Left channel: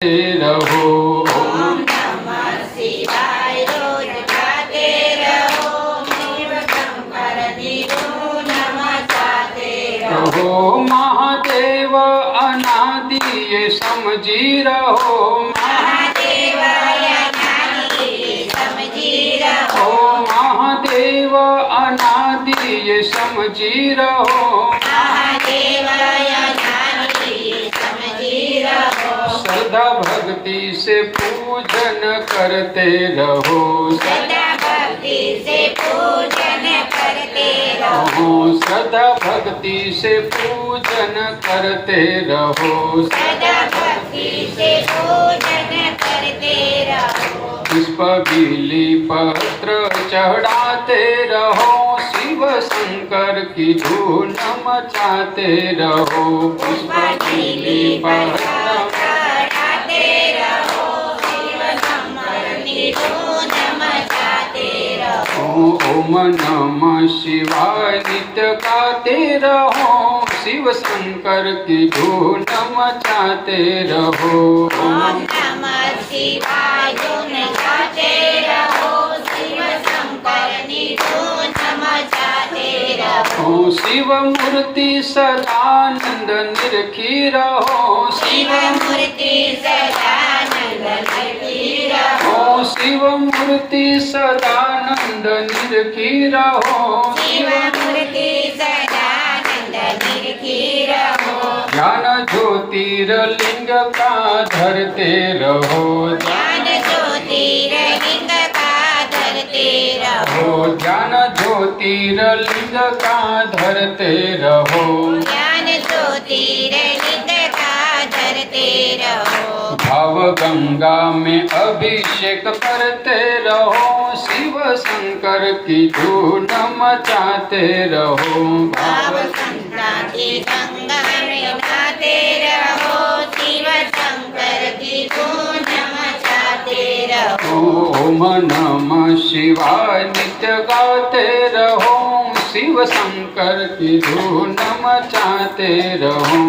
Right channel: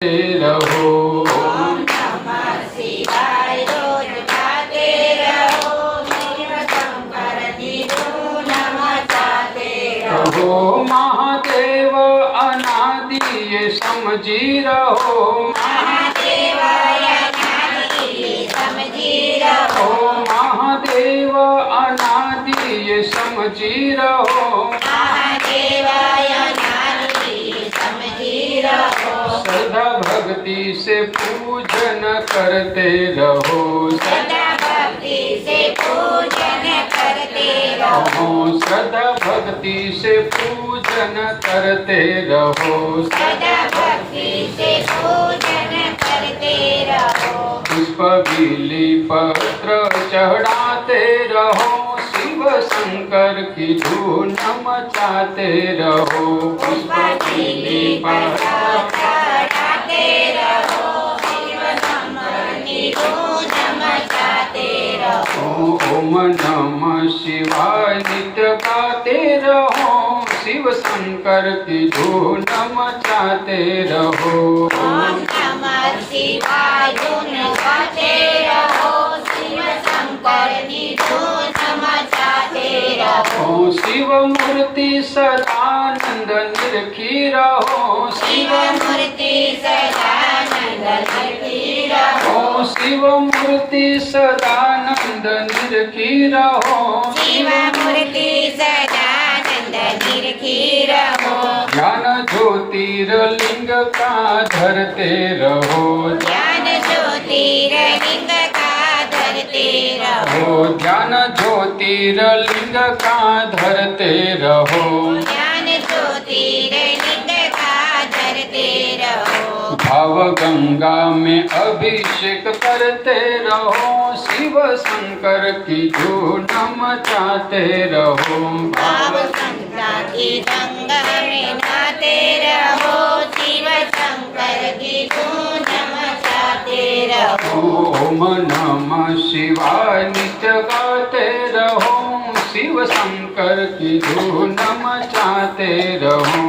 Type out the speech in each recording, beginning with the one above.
रहो। ओम नमः शिवाय रोज गाते रहो। शिव शंकर निधो नमस्ते रहो। महादेव अनादि ये समझी रहो। महादेव अनादि ये समझी रहो। महादेव अनादि ये समझी रहो। महादेव अनादि ये समझी रहो। सदा भक्ति से पूजन करते रहो। सदा भक्ति से पूजन करते रहो। सदा भक्ति से पूजन करते रहो। सदा भक्ति से पूजन करते रहो। पुष्प बिली पत्र चढ़ाते रहो। शिव शंकर की धून मचाते रहो। पुष्प बिली पत्र चढ़ाते रहो। शिव शंकर की धून मचाते रहो। ओम नमः शिवाय नित्य गाते रहो। शिव शंकर की धून मचाते रहो। ओम नमः शिवाय धून गाते रहो। शिव शंकर की धून मचाते रहो। शिव मूर्ति सदानंद निरखी रहो। शिव मूर्ति सदानंद निरखी रहो। शिव मूर्ति सदानंद निरखी रहो। शिव मूर्ति सदानंद निरखी रहो। ज्ञान ज्योतिर्लिंग का धरते रहो। ज्ञान ज्योतिर्लिंग का धरते रहो। ज्ञान ज्योतिर्लिंग का धरते रहो। ज्ञान ज्योतिर्लिंग का धरते रहो। भाव गंगा में अभिषेक करते रहो। शिव शंकर की धून मचाते रहो। भाव संक्रांति गंगा में नहाते रहो। शिव शंकर की धून मचाते रहो। ओम नमः शिवाय नित्य गाते रहो। शिव शंकर की धून मचाते रहो।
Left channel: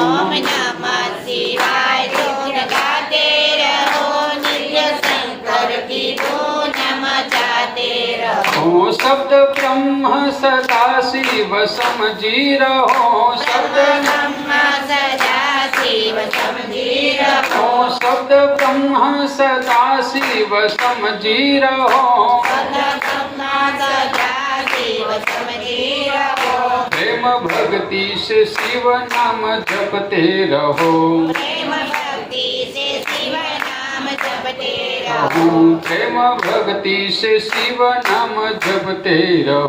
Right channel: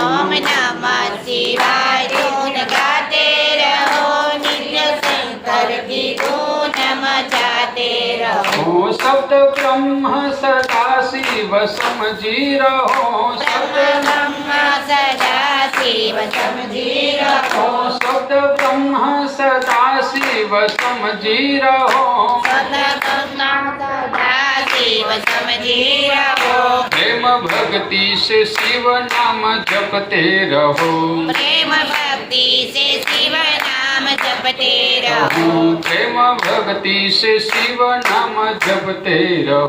ओम नमः शिवाय धून गाते रहो। नित्य शंकर की धून मचाते रहो। शब्द ब्रह्म सदा शिव समझी रहो। शब्द ब्रह्म सदा शिव समझी रहो। शब्द ब्रह्म सदा शिव समझी रहो। शब्द ब्रह्म सदा शिव समझी रहो। प्रेम भक्ति से शिव नाम जपते रहो। प्रेम भक्ति से शिव नाम जपते रहो। प्रेम भक्ति से शिव नाम जपते रहो।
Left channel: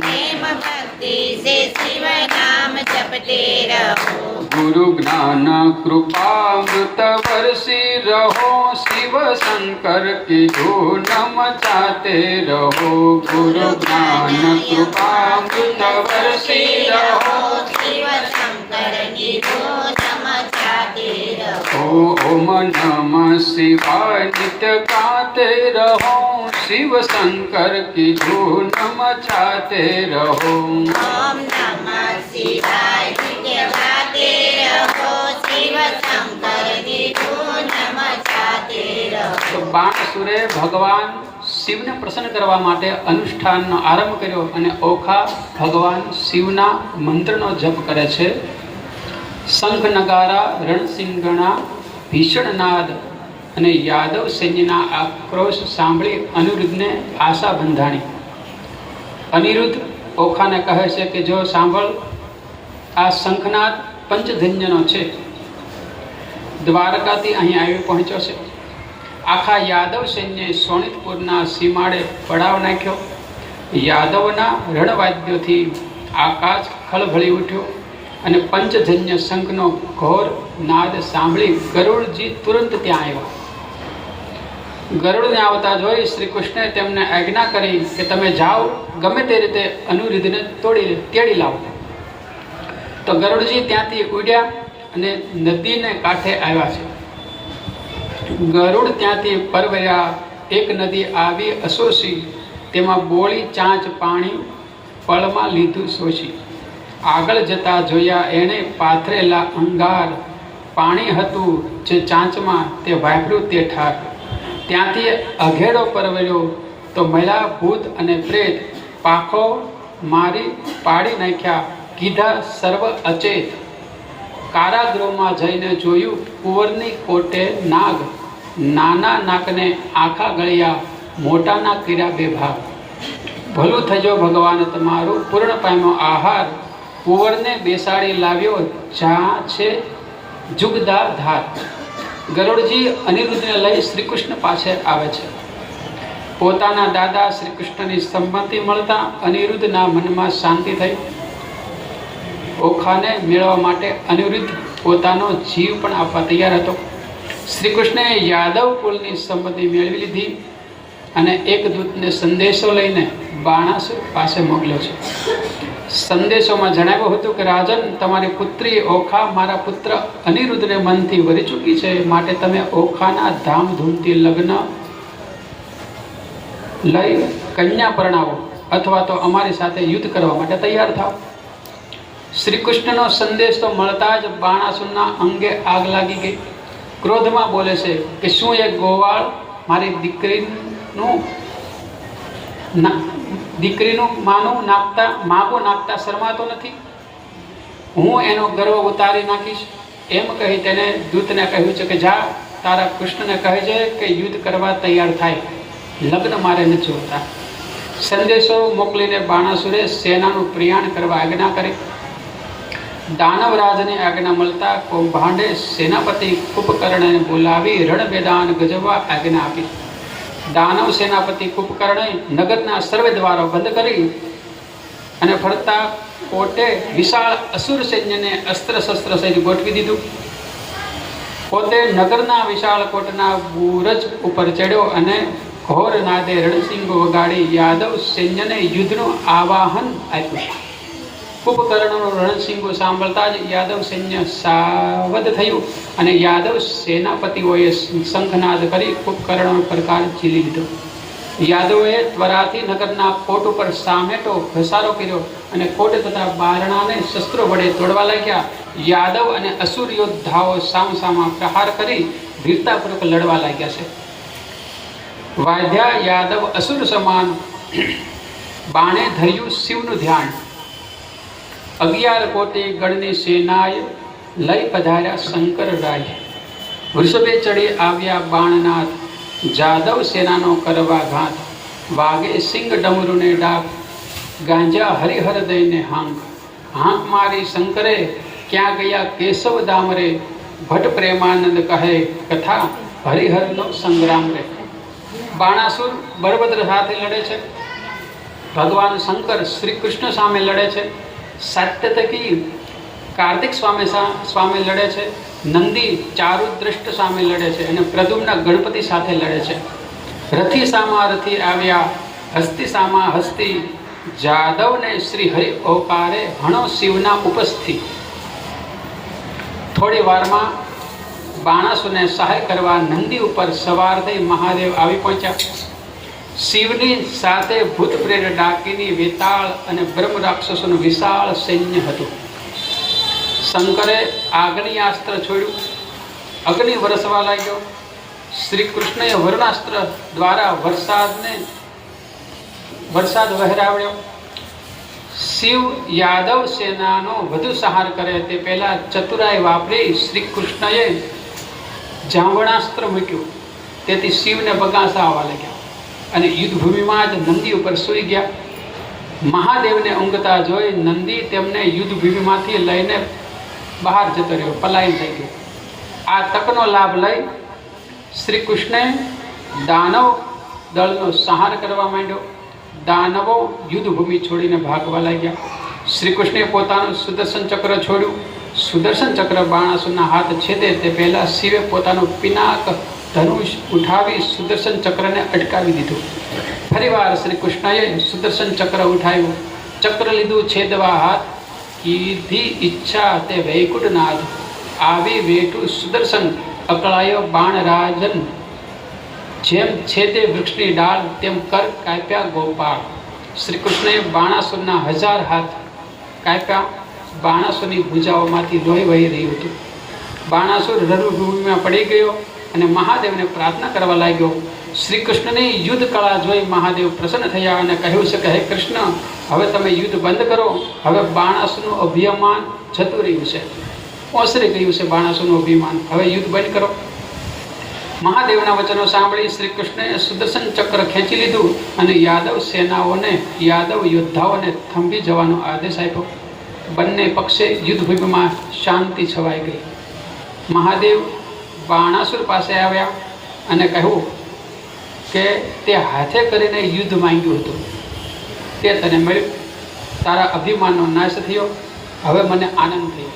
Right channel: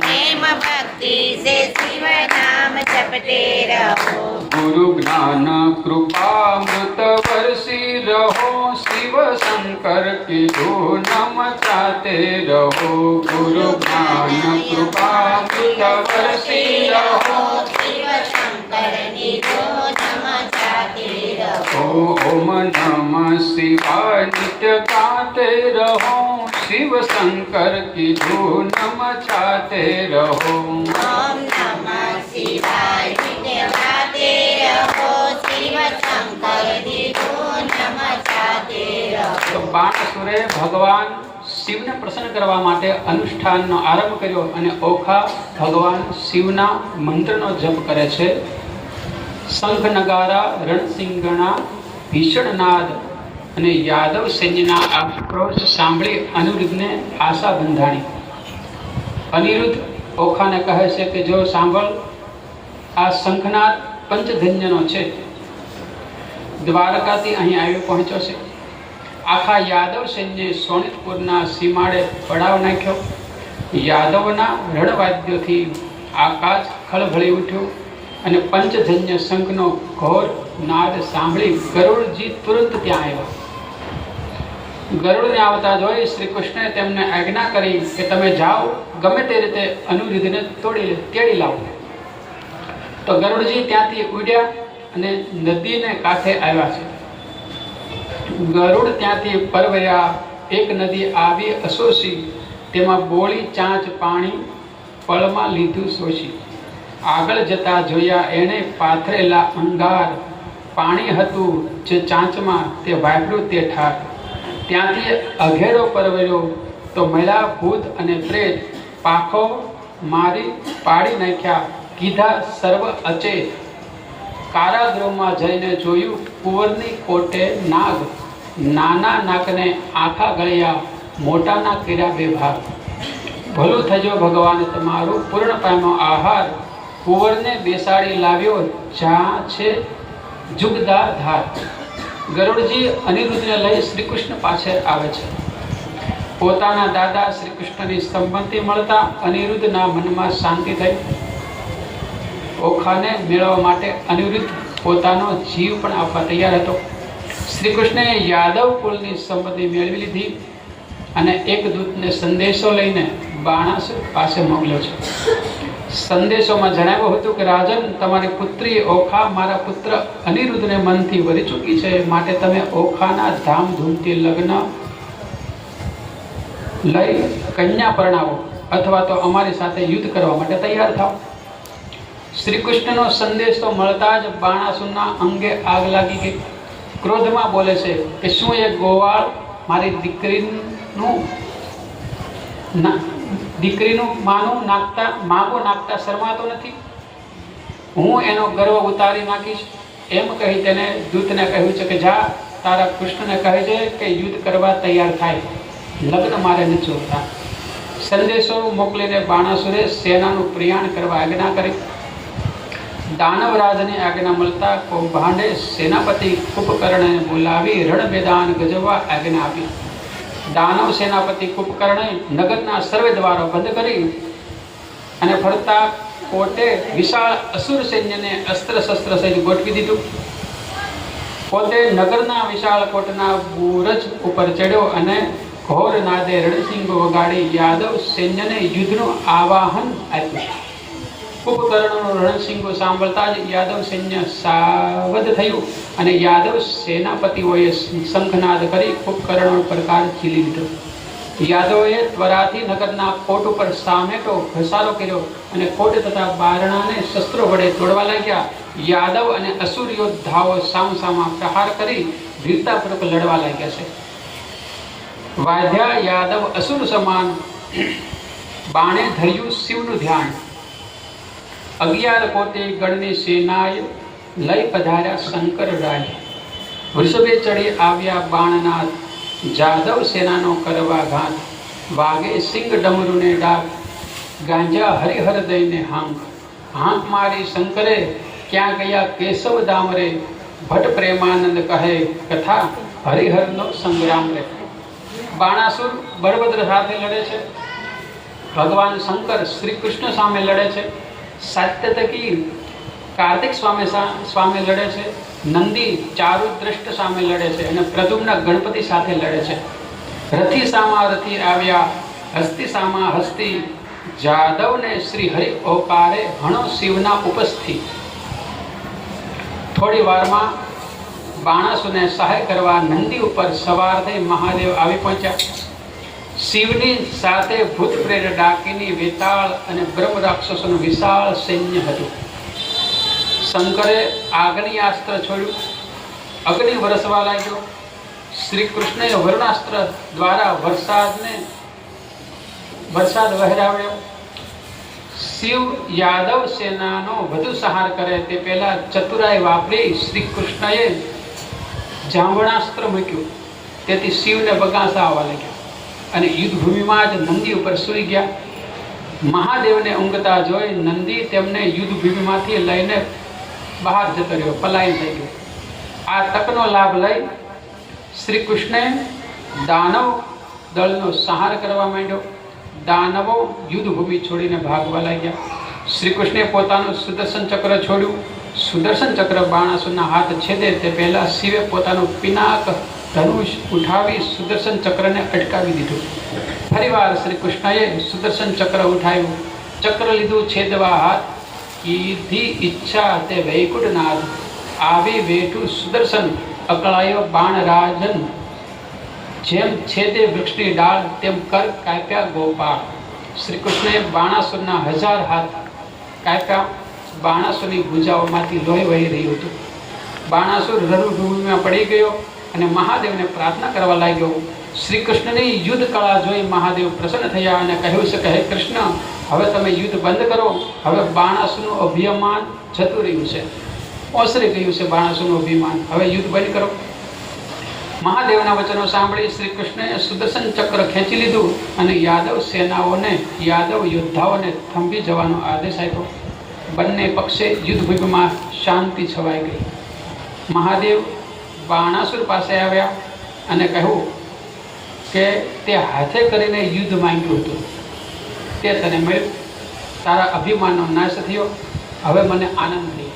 प्रेम भक्ति से शिव नाम जपते रहो। गुरु ज्ञान कृपामृत वर्षी रहो। शिव शंकर की धून मचाते रहो। गुरु ज्ञान कृपामृत वर्षी रहो। शिव शंकर की धून मचाते रहो। ओम नमः शिवाय नित्य गाते रहो। शिव शंकर की धून मचाते रहो। ओम नमः शिवाय नित्य गाते रहो। शिव शंकर की धून मचाते रहो। બાણસુરે ભગવાન શિવને પ્રસન્ન કરવા માટે અનુષ્ઠાનનો આરંભ કર્યો અને ઓખા ભગવાન શિવના મંત્રનો જપ કરે છે. શંખ નગારા રણસિંગણા ભીષણ નાદ અને યાદવ સૈન્યના આક્રોશ સાંભળી અનિરુદ્ધને આશા બંધાણી. અનિરુદ્ધ ઓખાને કહે છે કે જો સાંભળ, આ શંખનાદ પંચધન્યનો છે. દ્વારકાથી અહીં આવી પહોંચ્યો છે. આખા યાદવ સૈન્યએ સોનિતપુરના સીમાડે પડાવ નાખ્યો. યાદવના રણવાદ્યોથી આકાશ ખળભળી ઉઠ્યું અને પંચજન્ય શંખનો ઘોર નાદ સાંભળી ગરુડજી તુરંત ત્યાં આવ્યા. ગરુડને આવતા જોઈ શ્રી કૃષ્ણએ તેમને આજ્ઞા કરી કે તમે જાઓ, ગમે તે રીતે અનિરુદ્ધને તેડી લાવો. તો ગરુડજી ત્યાંથી ઉડ્યા અને નદીને કાંઠે આવ્યા છે. ગરુડ ત્યાંથી પરવર્યા. એક નદી આવી અસોસી, તેમાં બોળી ચાંચ પાણી પળમાં લીધું શોષી. આગળ જતા જોયા એણે પાથરેલા અંગાર પાણી હતું જે ચાંચમાં તે વાપર્યું તે ઠાર. ત્યાંથી અઘેડો પરવર્યો તો મળ્યા ભૂત અને પ્રેત, પાખો મારી પાડી નાખ્યા, કીધા સર્વ અચેત. કારાગૃહમાં જઈને જોયું કુંવરની કોટે નાગ, નાના નાકને આખા ગળ્યા, મોટાના કર્યા બે ભાગ. ભલું થજો ભગવાન તમારું, પૂર્ણ પામ્યો આહાર, કુંવરને બેસાડી લાવ્યો જ્યાં છે જુગદા ધાર. ગરુડજી અનિરુદ્ધને લઈ શ્રી કૃષ્ણ પાસે આવે છે. પોતાના દાદા શ્રી કૃષ્ણની સંમતિ મળતા અનિરુદ્ધના મનમાં શાંતિ થઈ. ઓખાને મેળવવા માટે અનિરુદ્ધ પોતાનો જીવ પણ આપવા તૈયાર હતો. શ્રી કૃષ્ણએ યાદવ કુલની સંમતિ મેળવી લીધી અને એક દૂતને સંદેશો લઈને બાણાસુર પાસે મોકલ્યો છે. સંદેશોમાં જણાવ્યું હતું કે રાજન, તમારી પુત્રી ઓખા મારા પુત્ર અનિરુદ્ધને મનથી વરી ચૂકી છે, માટે તમે ઓખાના ધામધૂમથી લગ્ન લઈ કન્યા પરણાવો અથવા તો અમારી સાથે યુદ્ધ કરવા માટે તૈયાર થાઓ. શ્રી કૃષ્ણનો સંદેશો મળતા જ બાણાસુરના અંગે આગ લાગી ગઈ. ક્રોધમાં બોલે છે કે શું એક ગોવાળ મારી દીકરીનું માગો નાખતા શરમાતો નથી? હું એનો ગર્વ ઉતારી નાખીશ. એમ કહી તેને દૂતને કહ્યું છે કે જા, તારા કૃષ્ણને કહે છે કે યુદ્ધ કરવા તૈયાર થાય, લગ્ન મારે નથી જોતા. સંદેશો મોકલીને બાણાસુરે સેનાનું પ્રયાણ કરવા આજ્ઞા કરી. દાનવરાજની આજ્ઞા મળતા કૌભાંડે સેનાપતિ કુંભકર્ણને બોલાવી રણ મેદાન ગજવવા આજ્ઞા આપી. દાનવ સેનાપતિ કુંભકર્ણએ નગરના સર્વે દ્વારો બંધ કરી અને ફરતા કોટે વિશાળ અસુર સૈન્યને અસ્ત્ર શસ્ત્ર સહિત ગોઠવી દીધું. પોતે નગરના વિશાળ કોટના બુરજ ઉપર ચડ્યો અને ઘોર નાદે રણસિંગો વગાડી યાદવ સૈન્યને યુદ્ધનું આવાહન આપ્યું. કુંભકર્ણનો રણસિંગો સાંભળતા જ યાદવ સૈન્ય સાવધ થયું અને યાદવ સેનાપતિઓએ શંખનાદ કરી કુંભકર્ણનો પ્રકાર ઝીલી લીધો. યાદવોએ ત્વરાથી નગરના કોટ ઉપર સામેટો ઘસારો કર્યો અને કોટ તથા બારણાને શસ્ત્રો વડે તોડવા લાગ્યા. યાદવ અને અસુર યોદ્ધાઓ સામસામા પ્રહાર કરી વીરતાપૂર્વક લડવા લાગ્યા છે. વાધ્યા યાદવ અસુર સમાન, બાણે ધર્યું શિવનું ધ્યાન. 11 કોટી ગણની સેનાએ લઈ પધાર્યા શંકર રાય. વૃષભે ચડી આવ્યા બાણનાથ, જાદવ સેનાનો કરવા ઘાત. વાગે સિંગ ડમરુને ડાક, ગાંજા હરિહર દઈને હાંક. હાંક મારી શંકરે, ક્યાં ગયા કેશવ દામરે. ભટ્ટ પ્રેમાનંદ કહે કથા, હરિહરનો સંગ્રામ રે. બાણાસુર બળભદ્ર સાથે લડે છે. ભગવાન શંકર શ્રી કૃષ્ણ સામે લડે છે. સાત્યતકી કાર્તિક સ્વામી લડે છે. નંદી ચારુદ્રષ્ટ સામે લડે છે અને પ્રદ્યુમ્ન ગણપતિ સાથે લડે છે. રથી સામા રથી આવ્યા, હસ્તી સામા હસ્તી. જાદવને શ્રી હરિ ઓકારે, હણો શિવના ઉપસ્થિત. થોડી વારમાં બાણાસુરને સહાય કરવા નંદી ઉપર સવાર થઈ મહાદેવ આવી પહોંચ્યા. શિવની સાથે ભૂત પ્રેત ડાકીની વેતાળ અને બ્રહ્મ રાક્ષસોનું વિશાળ સૈન્ય હતું. શંકરે આગ્નેયાસ્ત્ર છોડ્યું, અગ્નિ વરસવા લાગ્યો. શ્રી કૃષ્ણએ વરુણાસ્ત્ર દ્વારા વરસાદ વહેરાવ્યો. શિવ યાદવ સેનાનો વધુ સહાર કરે તે પહેલા ચતુરાઈ વાપરી શ્રી કૃષ્ણએ જાંબણાસ્ત્ર મૂક્યું. તેથી શિવને બગાસા આવવા લાગ્યા અને યુદ્ધભૂમિમાં જ નંદી ઉપર સૂઈ ગયા. મહાદેવને ઊંઘતા જોઈ નંદી તેમને યુદ્ધભૂમિમાંથી લઈને બહાર જતો રહ્યો, પલાયન થઈ ગયો. આ તકનો લાભ લઈ શ્રી કૃષ્ણે દાનવ દળનો સંહાર કરવા માંડ્યો. દાનવો યુદ્ધભૂમિ છોડીને ભાગવા લાગ્યા. શ્રી કૃષ્ણે પોતાનું સુદર્શન ચક્ર છોડ્યું. સુદર્શન ચક્ર બાણાસુરના હાથ છેદે તે પહેલા શિવે પોતાનું પિનાક ધનુષ ઉઠાવી સુદર્શન ચક્રને અટકાવી દીધું. ફરીવાર શ્રી કૃષ્ણએ સુદર્શન ચક્ર ઉઠાવ્યું. ચક્ર લીધું છેદવા હાથ, કીધી ઈચ્છા તે વૈકુંઠનાથ. આવી વેઠું સુદર્શન, અકળાયો બાણ રાજન. જેમ છેદે વૃક્ષની ડાળ, તેમ કર કાપ્યા ગોપાળ. શ્રી કૃષ્ણએ બાણાસુરના 1000 હાથ કાપ્યા. બાણાસુરની ભુજાઓમાંથી લોહી વહી રહ્યું હતું. બાણાસુર રણભૂમિમાં પડી ગયો અને મહાદેવને પ્રાર્થના કરવા લાગ્યો. શ્રી કૃષ્ણની યુદ્ધ કળા જોઈ મહાદેવ પ્રસન્ન થયા અને કહ્યું છે કે હે કૃષ્ણ, હવે તમે યુદ્ધ બંધ કરો. હવે બાણાસુરનું અભિમાન જતું રહ્યું છે, ઓસરી ગયું છે બાણાસુરનું અભિમાન. હવે યુદ્ધ બંધ કરો. મહાદેવના વચનો સાંભળી શ્રી કૃષ્ણએ સુદર્શન ચક્ર ખેંચી લીધું અને યાદવ સેનાઓને, યાદવ યોદ્ધાઓને થંભી જવાનો આદેશ આપ્યો. બંને પક્ષે યુદ્ધભૂમિમાં શાંતિ છવાઈ ગઈ. મહાદેવ બાણાસુર પાસે આવ્યા અને કહ્યું કે તે હાથે કરીને યુદ્ધ માંગ્યું હતું, તે તને મળ્યું. તારા અભિમાનનો નાશ થયો. હવે મને આનંદ થયો.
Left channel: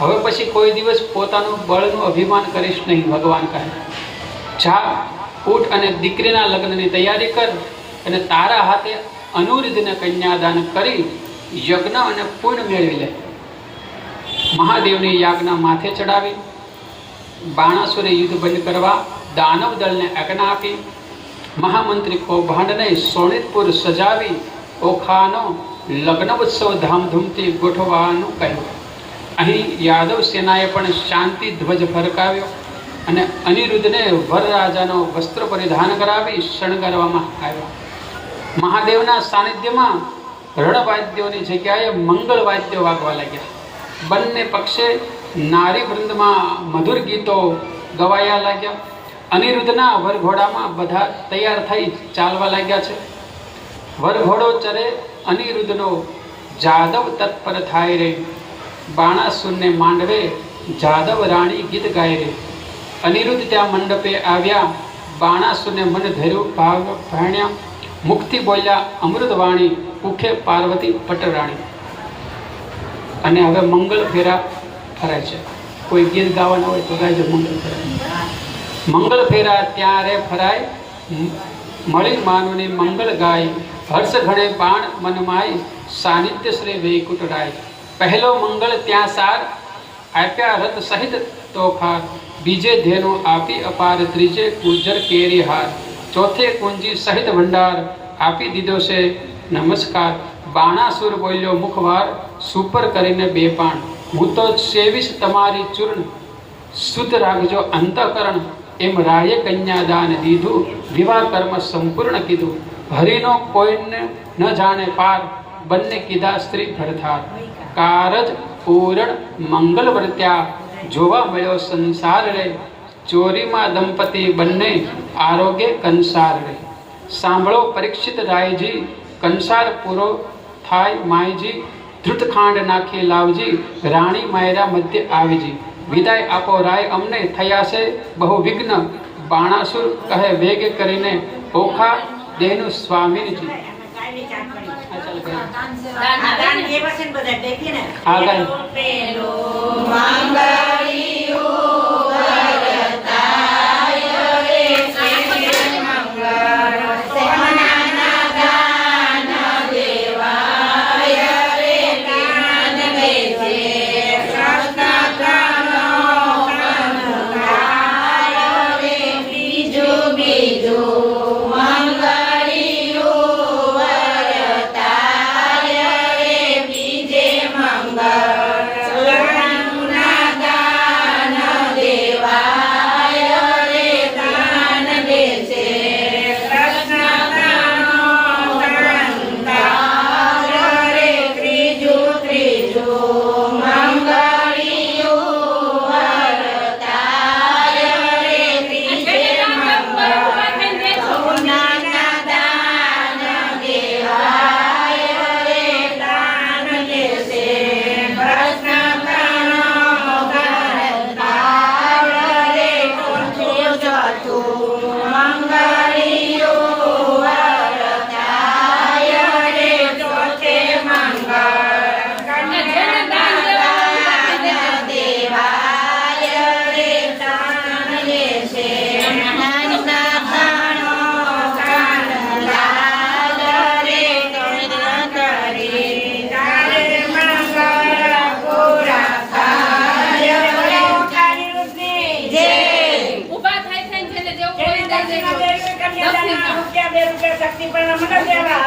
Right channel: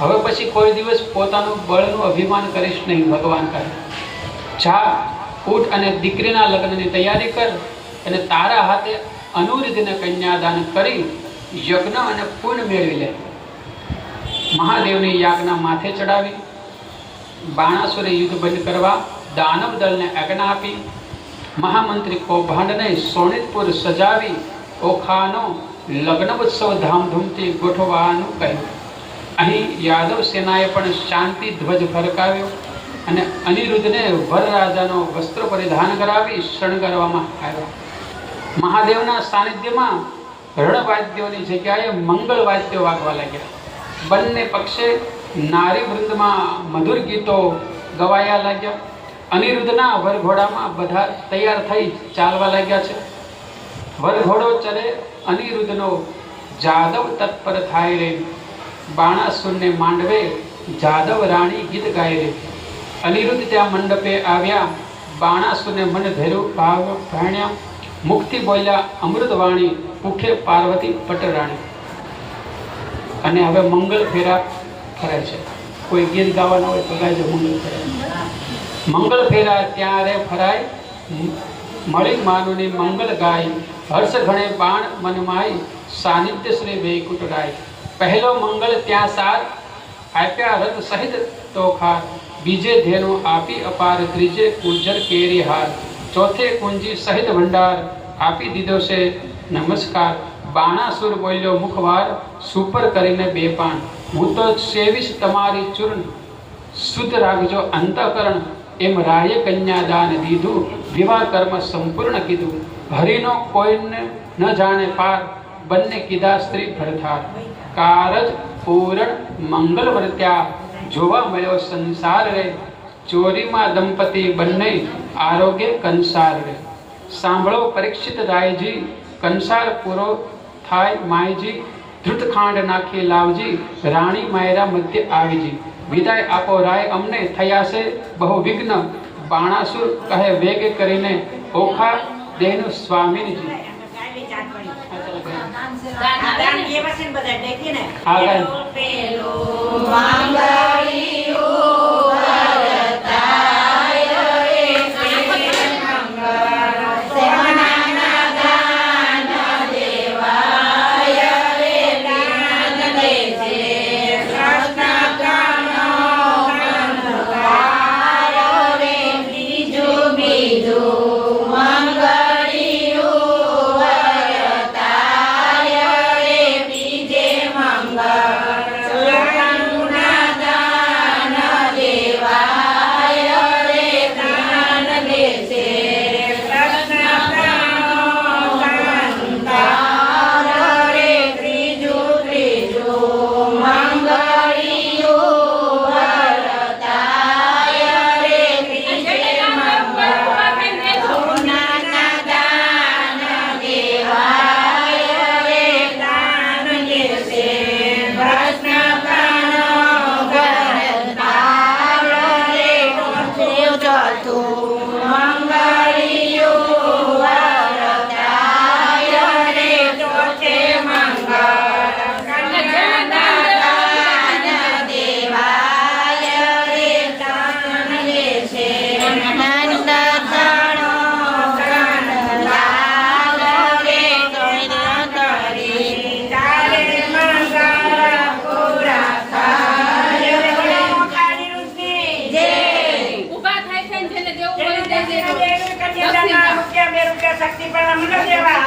હવે પછી કોઈ દિવસ પોતાનું બળનું અભિમાન કરીશ નહીં. ભગવાન કહે, જા, ઉઠ અને દીકરીના લગ્નની તૈયારી કર અને તારા હાથે અનુરુદ્ધને કન્યાદાન કરી યજ્ઞ અને પુણ્ય મેળવી લે. મહાદેવની યાજ્ઞા માથે ચડાવી બાણાસુરે યુદ્ધ બંધ કરવા દાનવ દળને આજ્ઞા આપી. મહામંત્રી કૌભાંડને શોણિતપુર સજાવી ઓખાનો લગ્ન ઉત્સવ ધામધૂમથી ગોઠવવાનું કહ્યું. અહીં યાદવ સેનાએ પણ શાંતિ ધ્વજ ફરકાવ્યો અને અનિરુદ્ધને વરરાજાનો વસ્ત્ર પરિધાન કરાવી શણગારવામાં આવ્યો. મહાદેવના સાનિધ્યમાં રણવાદ્યોની જગ્યાએ મંગળ વાદ્યો વાગવા લાગ્યા. બંને પક્ષે નારી વૃંદમાં મધુર ગીતો ગવાયા લાગ્યા. અનિરુદ્ધના વરઘોડામાં બધા તૈયાર થઈ ચાલવા લાગ્યા છે. વરઘોડો ચરે અનિરુદ્ધનો જાદવ તત્પર થાય રે. બાણાસુરને માંડવે જાદવ રાણી ગીત ગાય રે. અનિરુદ્ધ ત્યાં મંડપે આવ્યા. બાણાસુરને મન ધર્યું, ભાવ ભાણ્યા. મુખથી બોલ્યા અમૃતવાણી, મુખે પાર્વતી પટરાણી. અને હવે મંગળ ફેરા ફરે છે. કોઈ ગીત ગાવાનું હોય તો ગાય મંગળ ફેરા. મંગળ ફેરા ત્યારે ફરાય, મળી માનવને મંગળ ગાય. હર્ષ ઘણે બાણ મનમાય, સાનિધ્ય શ્રી વૈકુંઠરાય. પહેલો મંગળ ત્યાં સાર, આપ્યા રથ સહિત તોખાર. બીજે ધેનો આપી અપાર, ત્રીજે કુંજર કેરી હાર. ચોથે કુંજી સહિત ભંડાર, આપી દીધો છે નમસ્કાર. બાણાસુર બોલ્યો મુખવાર, સુપર કરીને બે પાણ. હું તો સેવીશ તમારી ચૂર્ણ, શુદ્ધ રાખજો અંતઃકરણ. એમ રાયે કન્યાદાન દીધું, વિવાહ કર્મ સંપૂર્ણ કીધું. હરિનો કોઈને ન જાણે પાર, બંને કીધા સ્ત્રી ભરથાર. કારજ પૂરણ મંગલ વર્ત્યા, જોવા મળ્યો સંસાર રે. ચોરીમાં દંપતી બંને, આરોગ્ય કંસાર રે. સાંભળો પરીક્ષિત રાયજી, કંસાર પૂરો થાય માયજી. ધૃતખાંડ નાખી લાવજી, રાણી માયરા મધ્ય આવીજી. વિદાય આપો રાય, અમને થયા છે બહુ વિઘ્ન. બાણાસુર કહે વેગ કરીને, ઓખા દેહનું સ્વામીજી. શક્તિ પણ મને દેવા